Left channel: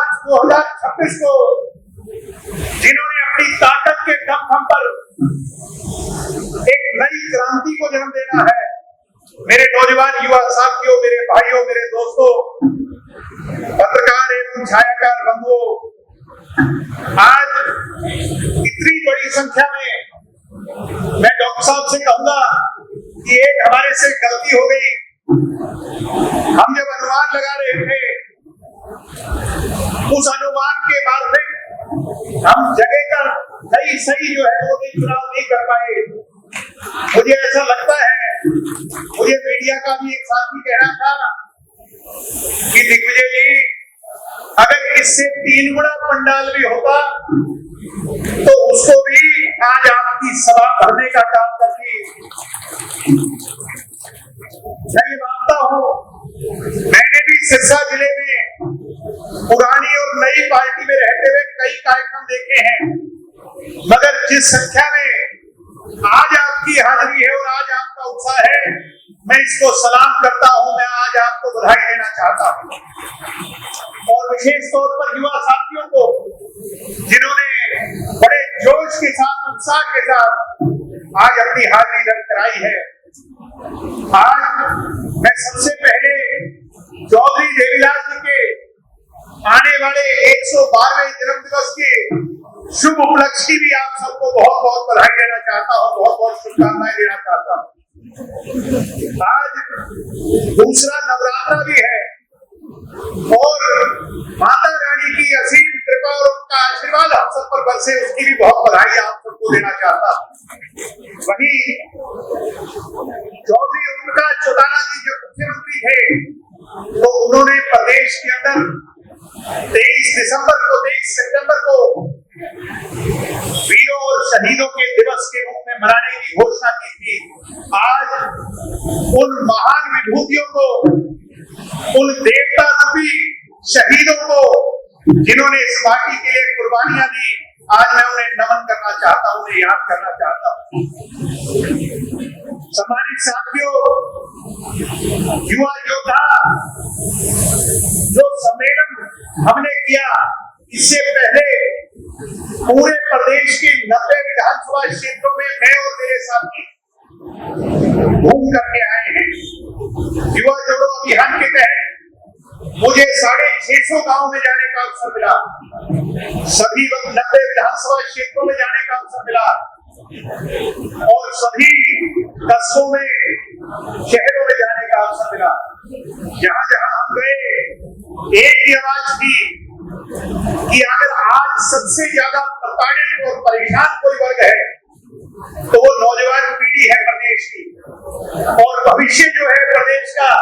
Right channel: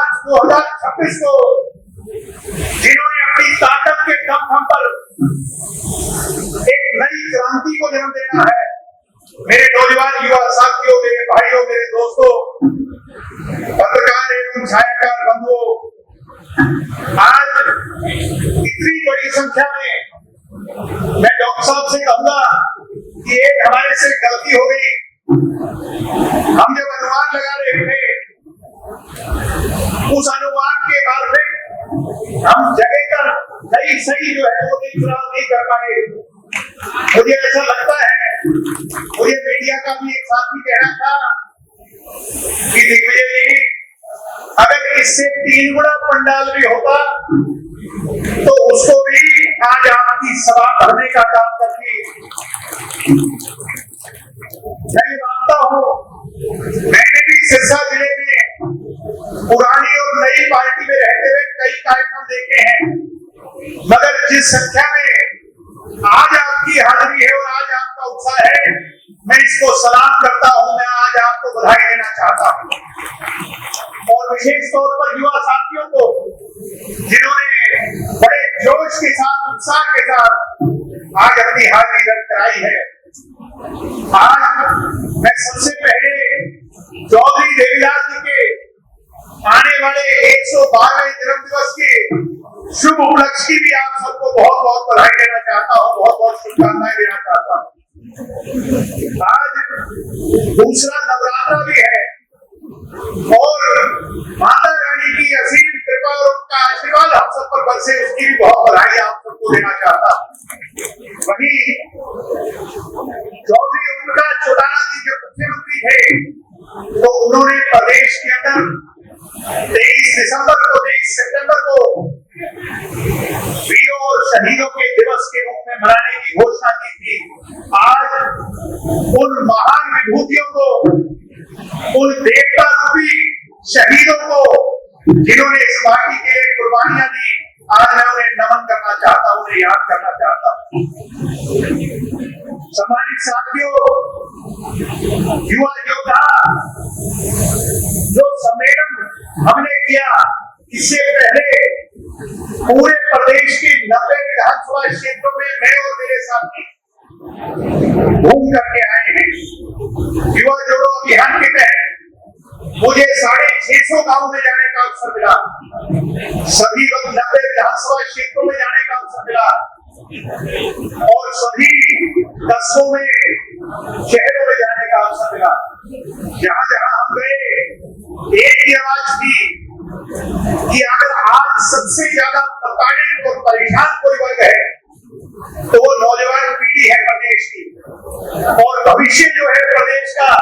मार्च 2026 को जिन्होंने अपनी ताकत के दम पर एक नई क्रांति को जन्म देना है, मेरे नौजवान युवा साथियों, मेरे भाइयों, मेरे दोस्तों, पत्रकार एवं छायाकार बंधुओं, आज इतनी बड़ी संख्या में मैं डॉक्टर साहब से कहूंगा कि एक हमारे से गलती हो गई। हम जब अनुमान लगा रहे थे, उस अनुमान के बाद में हम जगह का सही जो है वो नहीं कर पाए। मुझे ऐसा लगता है, मुझे मीडिया का भी एक साथी कहना था कि दिग्विजय जी, अगर इससे 3 गुना पंडाल भी होता तो उसको भी आज आपकी सभा भरने का काम करती। मैं मानता हूं, मैंने भी सिरसा जिले में पुरानी और नई पार्टी में रहते हुए कई कार्यक्रम देखे हैं, मगर जिस संख्या में आज आपकी हाजिरी है और आज आपका उत्साह है, मैं इसको सलाम करता हूं। मैं आज आपको बधाई देना चाहता हूं और विशेष तौर पर युवा साथियों को जिन्होंने बड़े जोश के साथ, उत्साह के साथ आज अपनी हाजिरी दर्ज कराई है। आज मैं सबसे पहले चौधरी देवीलाल जी के आने वाले 112वें जन्म दिवस के शुभ उपलक्ष्य की भी आप सबको बहुत बहुत बधाई देना चाहता हूँ, बहुत बहुत शुभकामनाएं देना चाहता हूँ। आज दूसरा नवरात्र भी है और माता रानी की असीम कृपा और उनका आशीर्वाद हम सब पर बरसे, उसकी भी बहुत बधाई आप सबको देना चाहता हूँ। वहीं चौधरी उनका चौटाला जी जब मुख्यमंत्री थे तो उन्होंने प्रदेश के अंदर 23 सितंबर को वीरों और शहीदों के दिवस के रूप में मनाने की घोषणा की थी। आज उन महान विभूतियों को, उन देवता रूपी शहीदों को जिन्होंने इस पार्टी के लिए कुर्बानियां दी, आज मैं उन्हें नमन करना चाहता हूं, उन्हें याद करना चाहता हूं। सम्मानित साथियों, युवा योद्धा, जो सम्मेलन हमने किया, इससे पहले पूरे प्रदेश के 90 विधानसभा क्षेत्रों में मैं और मेरे साथी घूम करके आए हैं। युवा जोड़ो अभियान के तहत मुझे 650 गांव में जाने का अवसर मिला, सभी 90 विधानसभा क्षेत्रों में जाने का अवसर मिला और सभी कस्बों में, शहरों में जाने का अवसर मिला। जहां जहां हम गए, एक ही आवाज थी कि अगर आज सबसे ज्यादा प्रताड़ित और परेशान कोई वर्ग है तो वो नौजवान पीढ़ी है प्रदेश की, और भविष्य जो है प्रदेश का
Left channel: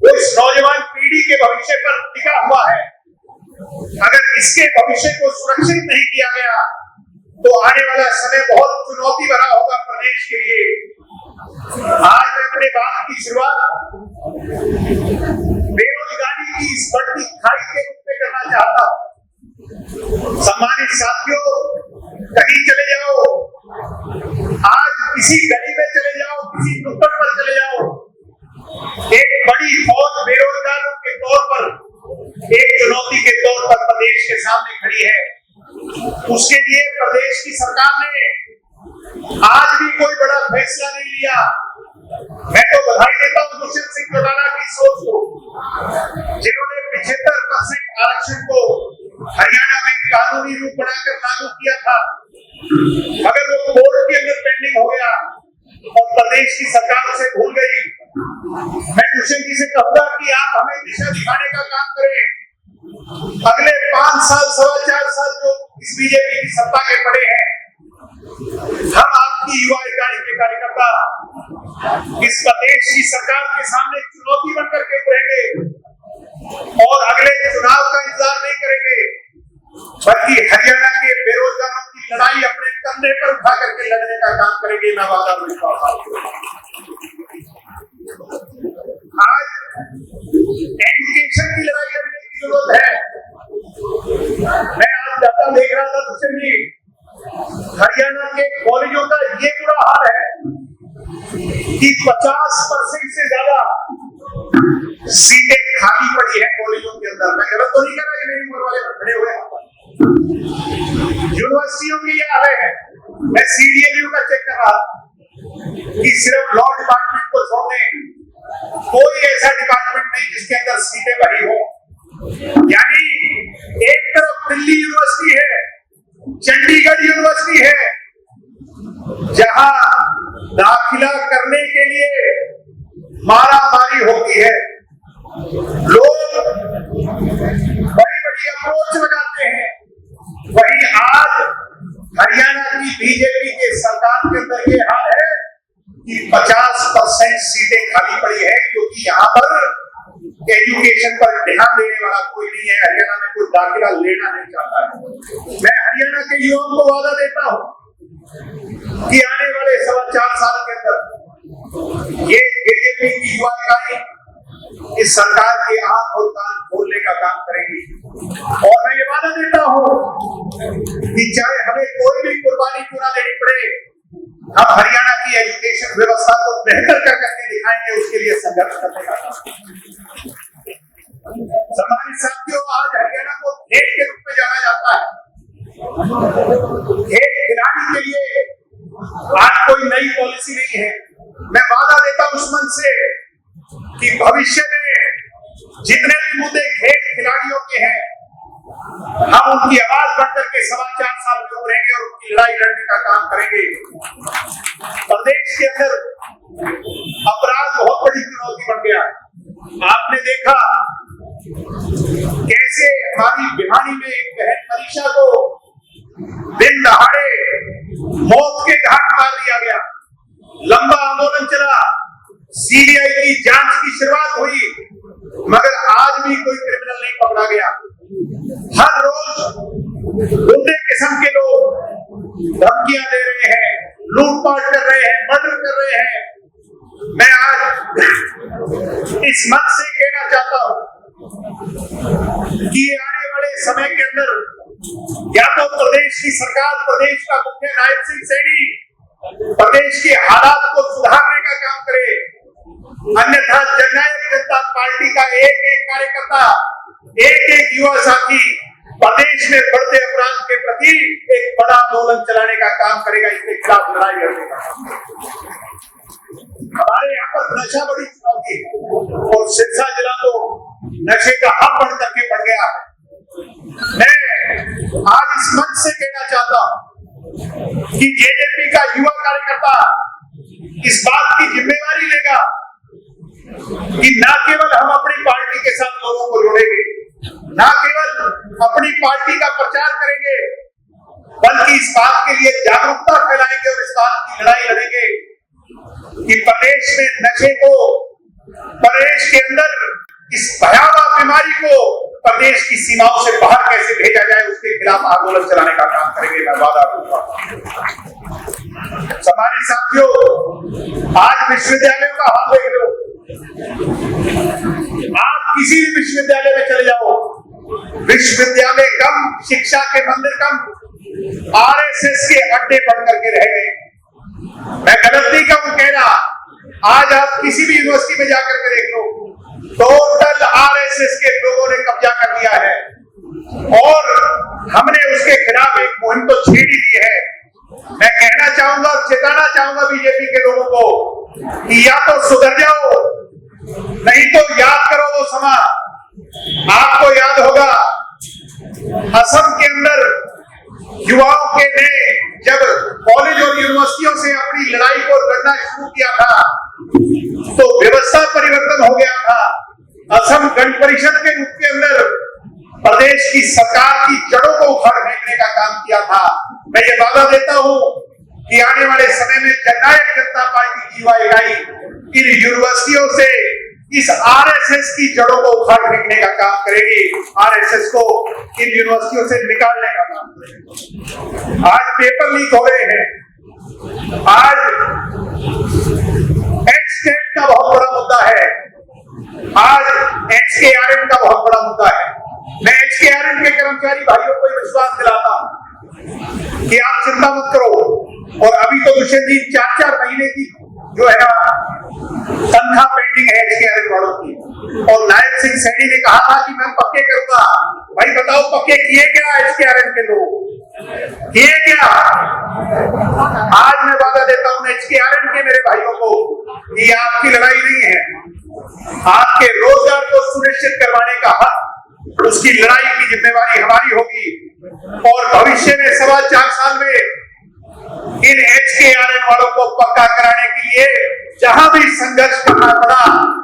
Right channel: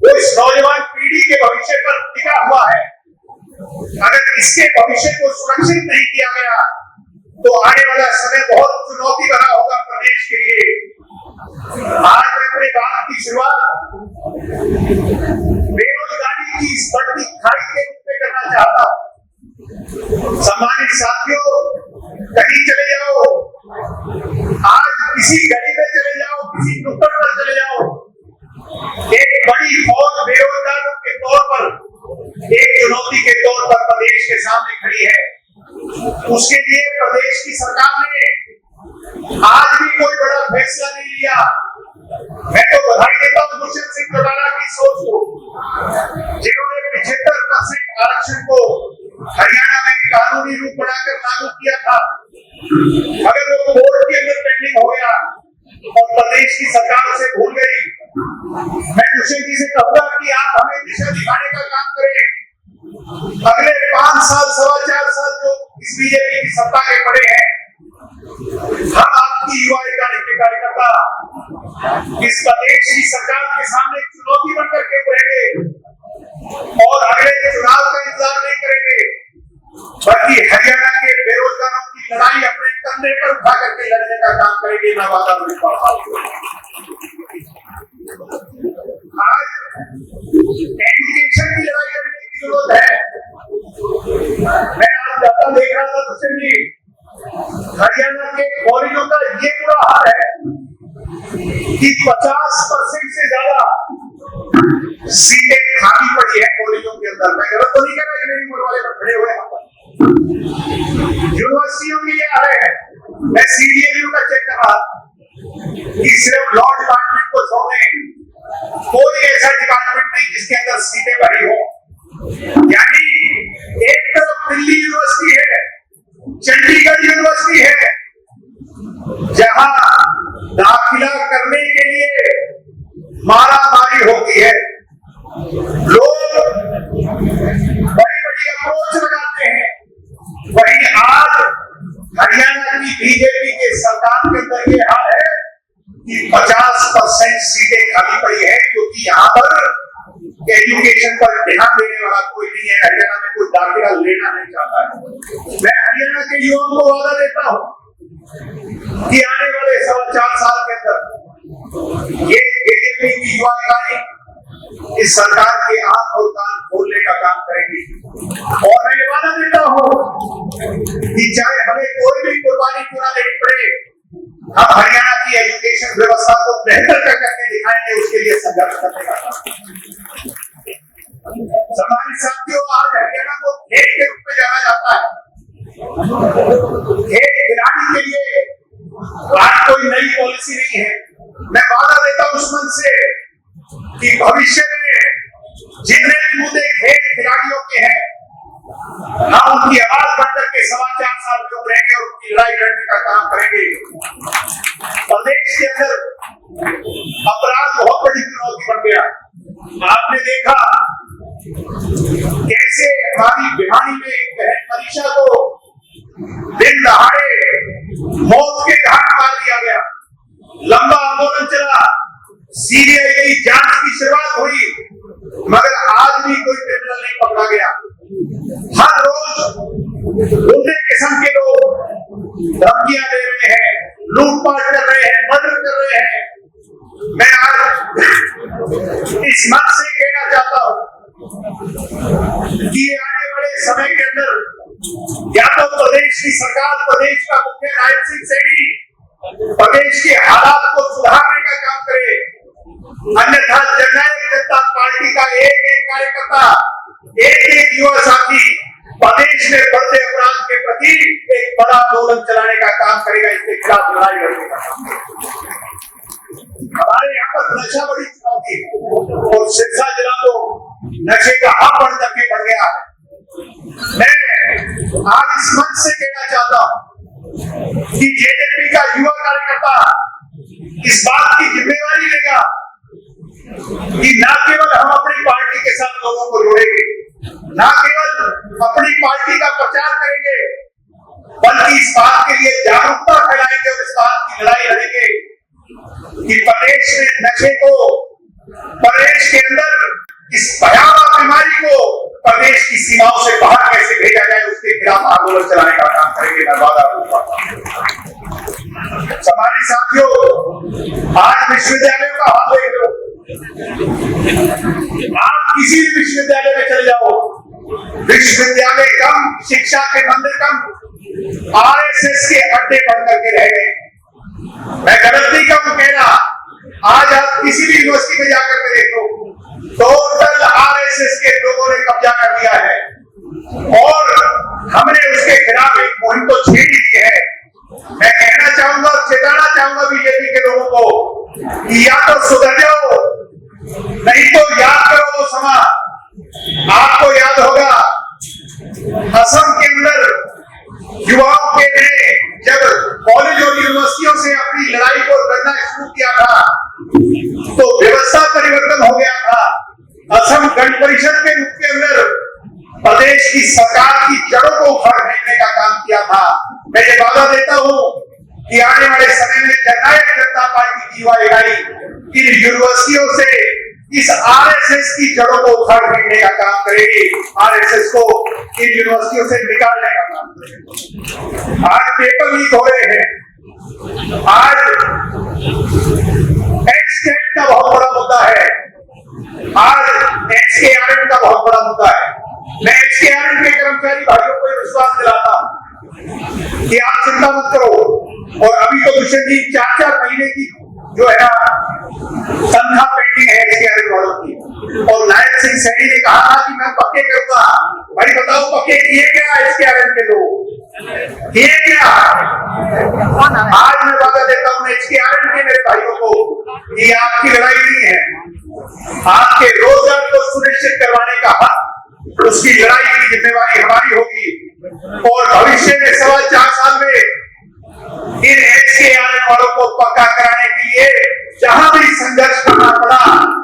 वो इस नौजवान पीढ़ी के भविष्य पर टिका हुआ है। अगर इसके भविष्य को सुरक्षित नहीं किया गया तो आने वाला समय बहुत चुनौती भरा होगा प्रदेश के लिए। आज मैं अपने बात की शुरुआत बेरोजगारी की इस बढ़ती खाई के रूप में करना चाहता हूं। सम्मानित साथियों, कहीं चले जाओ, आज किसी गली में चले जाओ, किसी नुक्कड़ पर चले जाओ, एक बड़ी फौज बेरोजगारों के तौर पर, एक चुनौती के तौर पर प्रदेश के सामने खड़ी है। उसके लिए प्रदेश की सरकार ने आज भी कोई बड़ा फैसला नहीं लिया। मैं तो बधाई देता हूं दुष्यंत सिंह चौटाला की सोच को, जिन्होंने 75% आरक्षण को हरियाणा में कानूनी रूप बनाकर लागू किया था, मगर वो कोर्ट के अंदर पेंडिंग हो गया और प्रदेश की सरकार उसे भूल गई। मैं दुष्यंत जी से कहूंगा कि आप हमें दिशा दिखाने का काम करें। अगले 5 साल, 4.25 साल जो इस बीजेपी की सत्ता में पड़े हैं, हम आपकी युवा इकाई के कार्यकर्ता इस प्रदेश की सरकार के सामने चुनौती बनकर के रहेंगे और अगले चुनाव का इंतजार नहीं करेंगे, बल्कि हरियाणा के बेरोजगारों की लड़ाई अपने कंधे पर उठा करके लड़ने का काम करेंगे। मैं वादा करता हूं। आज एजुकेशन की लड़ाई लड़ने की जरूरत है। मैं आज डाटा देख रहा था दुष्यंत जी, हरियाणा के कॉलेजों का ये बुरा हाल है कि 50% से ज्यादा सीटें खाली पड़ी है कॉलेजों के अंदर। मैं गलत तो नहीं कर रहा, मेरी उम्र वाले यूनिवर्सिटियों के लिए आ रहे हैं। मैं CDMU का चेक कर रहा कि सिर्फ लॉ डिपार्टमेंट को छोड़ दें, कोई ऐसा डिपार्टमेंट नहीं जिसके अंदर सीटें भरी हो। यानी एक तरफ दिल्ली यूनिवर्सिटी है, चंडीगढ़ यूनिवर्सिटी है, जहां दाखिला करने के लिए मारामारी होती है, लोग बड़ी बड़ी अप्रोच लगाते हैं। वहीं आज हरियाणा की बीजेपी के सरकार के अंदर ये हाल है कि 50% सीटें खाली पड़ी है, क्योंकि यहाँ पर एजुकेशन पर ध्यान देने वाला कोई नहीं है। हरियाणा में कोई दाखिला लेना नहीं चाहता है। मैं हरियाणा के युवाओं को वादा देता हूँ कि आने वाले 4.25 साल के अंदर ये बीजेपी की युवा इकाई इस सरकार के आंख और कान खोलने का काम करेगी। और मैं ये वादा देता हूँ कि चाहे हमें कोई भी कुर्बानी क्यों ना देनी पड़े, हम हरियाणा की एजुकेशन व्यवस्था को बेहतर करके दिखाएंगे, उसके लिए संघर्ष करने का काम। हमारे साथियों, आज हरियाणा को खेल के रूप में जाना जाता है। खेल खिलाड़ी के लिए आज कोई नई पॉलिसी नहीं है। मैं वादा देता हूं उस मन से कि भविष्य में जितने भी मुद्दे खेल खिलाड़ियों के हैं, हम उनकी आवाज बढ़कर के 4.25 साल में उभरेंगे और उनकी लड़ाई लड़ने का काम करेंगे। प्रदेश के अंदर अपराध बहुत बड़ी चुनौती बन गया। आपने देखा कैसे हमारी भिवानी में एक बहन मनीषा को दिन दहाड़े मौत के घाट उतार दिया गया। लंबा आंदोलन चला, CBI की जांच की शुरुआत हुई, मगर आज भी कोई क्रिमिनल नहीं पकड़ा गया। हर रोज गुंडे किस्म के लोग धमकियां दे रहे हैं, लूटपाट कर रहे हैं, मर्डर कर रहे हैं। मैं आज इस मंच से कहना चाहता हूं कि आने वाले समय के अंदर या तो प्रदेश की सरकार, प्रदेश का मुख्य नायब सिंह सैनी प्रदेश के हालात को सुधारने का काम करे, अन्यथा जननायक जनता पार्टी का एक एक कार्यकर्ता, एक एक युवा साथी प्रदेश में बढ़ते अपराध के प्रति एक बड़ा आंदोलन चलाने का काम करेगा, इसके खिलाफ लड़ाई लड़ेगा। हमारे यहाँ पर नशा बड़ी चुनौती और सिरसा जिला तो नशे का हब बढ़ करके बढ़ गया। मैं आज इस मंच से कहना चाहता हूँ कि जेजेपी का युवा कार्यकर्ता इस बात की जिम्मेवारी लेगा कि न केवल हम अपनी पार्टी के साथ लोगों को जोड़ेंगे, न केवल अपनी पार्टी का प्रचार करेंगे, बल्कि इस बात के लिए जागरूकता फैलाएंगे और इस बात की लड़ाई लड़ेंगे कि प्रदेश में नशे को, प्रदेश के अंदर इस भयावह बीमारी को प्रदेश की सीमाओं से बाहर कैसे भेजा जाए, उसके खिलाफ आंदोलन चलाने का काम करेंगे। मैं वादा दूंगा। हमारे साथियों, आज विश्वविद्यालयों का हाल देख लो। आप किसी भी विश्वविद्यालय में चले जाओ, विश्वविद्यालय कम, शिक्षा के मंदिर कम, RSS के अड्डे बन करके रह गए। मैं गलत नहीं कह रहा, आज आप किसी भी यूनिवर्सिटी में जाकर के देखो, टोटल RSS के लोगों ने कब्जा कर दिया है और हमने उसके खिलाफ एक मुहिम तो छेड़ दी है। मैं कहना चाहूंगा और चेताना चाहूंगा बीजेपी के लोगों को कि या तो सुधर जाओ, नहीं तो याद करो वो समा। आपको याद होगा असम के अंदर युवाओं के ने जब कॉलेज और यूनिवर्सिटियों से अपनी लड़ाई को लड़ना शुरू किया था तो व्यवस्था परिवर्तन हो गया था। असम गण परिषद के रूप के अंदर प्रदेश की सरकार की जड़ों को उखाड़ फेंकने का काम किया था। मैं ये वादा देता हूं कि आने वाले समय में जननायक जनता पार्टी की युवा इकाई इन यूनिवर्सिटियों से इस RSS की जड़ों को उखाड़ फेंकने का काम करेगी, RSS को इन यूनिवर्सिटियों से निकालने का काम करेगी। आज पेपर लीक हो रहे हैं, आज एक्सटेट का बहुत बड़ा मुद्दा है, आज XKRM का बहुत बड़ा मुद्दा है। मैं XKRM के कर्मचारी भाइयों को विश्वास दिलाता हूं कि आप चिंता मत करो। और अभी तो दुष्यंत जी 4-4 महीने की जो है ना तनख्वाह पेंडिंग है XKRM वालों की, और नायब सिंह सैनी ने कहा था कि मैं पक्के करूंगा। भाई बताओ पक्के किए क्या एचकेआरएम के लोग? किए क्या? आज मैं वादा देता हूं एचकेआरएम के मेरे भाइयों को, ये आपकी लड़ाई नहीं है, आपके रोजगार को सुनिश्चित करवाने का हक, उसकी लड़ाई की जिम्मेवारी हमारी होगी। और भविष्य में 4.25 साल में इन एचकेआरएम वालों को पक्का कराने के लिए जहां भी संघर्ष करना पड़ा,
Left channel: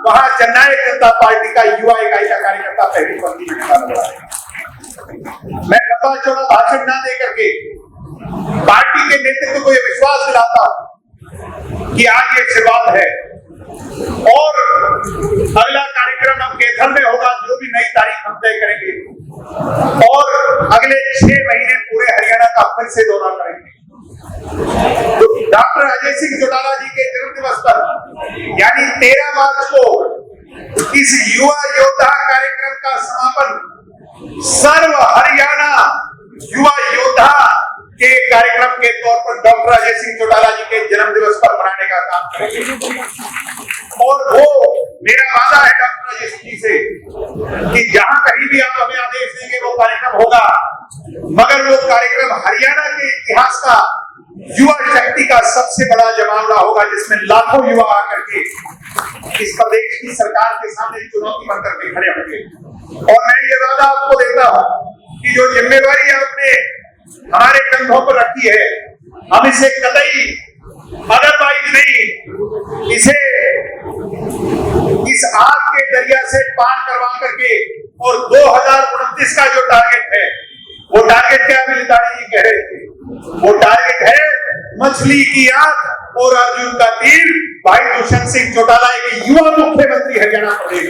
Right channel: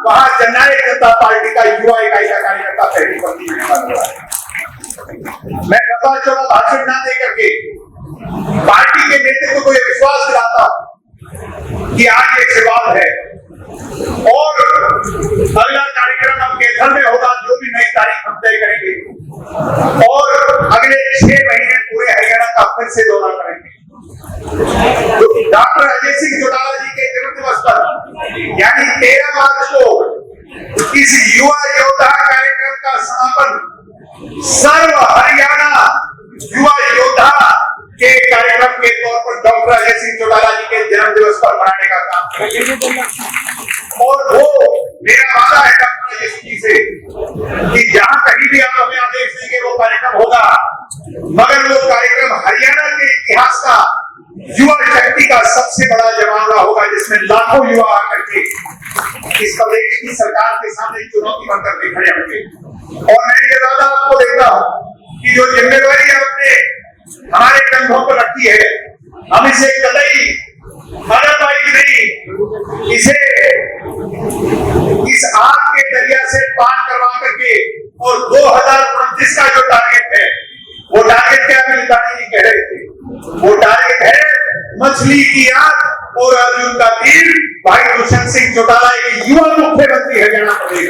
वहां जननायक जनता पार्टी का युवा इकाई का कार्यकर्ता पहली पंक्ति में खड़ा हुआ है। मैं लंबा चौड़ा भाषण ना दे करके पार्टी के नेतृत्व को यह विश्वास दिलाता हूं कि आज ये शुरुआत है और अगला कार्यक्रम हम केधर में होगा, जो भी नई तारीख हम तय करेंगे, और अगले 6 महीने पूरे हरियाणा का फिर से दौरा करेंगे। डॉक्टर अजय सिंह चौटाला जी के जन्म दिवस पर यानी 13 मार्च को इस युवा योद्धा कार्यक्रम का समापन सर्व हरियाणा युवा योद्धा के कार्यक्रम के तौर पर डॉक्टर अजय सिंह चौटाला जी के जन्म दिवस पर मनाने का काम करेंगे। और वो मेरा वादा है डॉक्टर अजय सिंह जी से कि जहां कहीं भी आप हमें आदेश देंगे वो कार्यक्रम होगा, मगर वो कार्यक्रम हरियाणा के इतिहास का युवा शक्ति का सबसे बड़ा जमावड़ा होगा, जिसमें लाखों युवा आकर के इस प्रदेश की सरकार के सामने चुनौती बनकर के खड़े होंगे। और मैं ये वादा आपको देता हूं कि जो जिम्मेवारी आपने हमारे कंधों पर रखी है, हम इसे कतई अदरवाइज नहीं, इसे इस आग के दरिया से पार करवा करके, और 2029 का जो टारगेट है, वो टारगेट क्या मिलितानी जी कह रहे थे, वो टारगेट है मछली की आग और अर्जुन का तीर। भाई दुष्यंत सिंह चौटाला एक युवा मुख्यमंत्री हरियाणा प्रदेश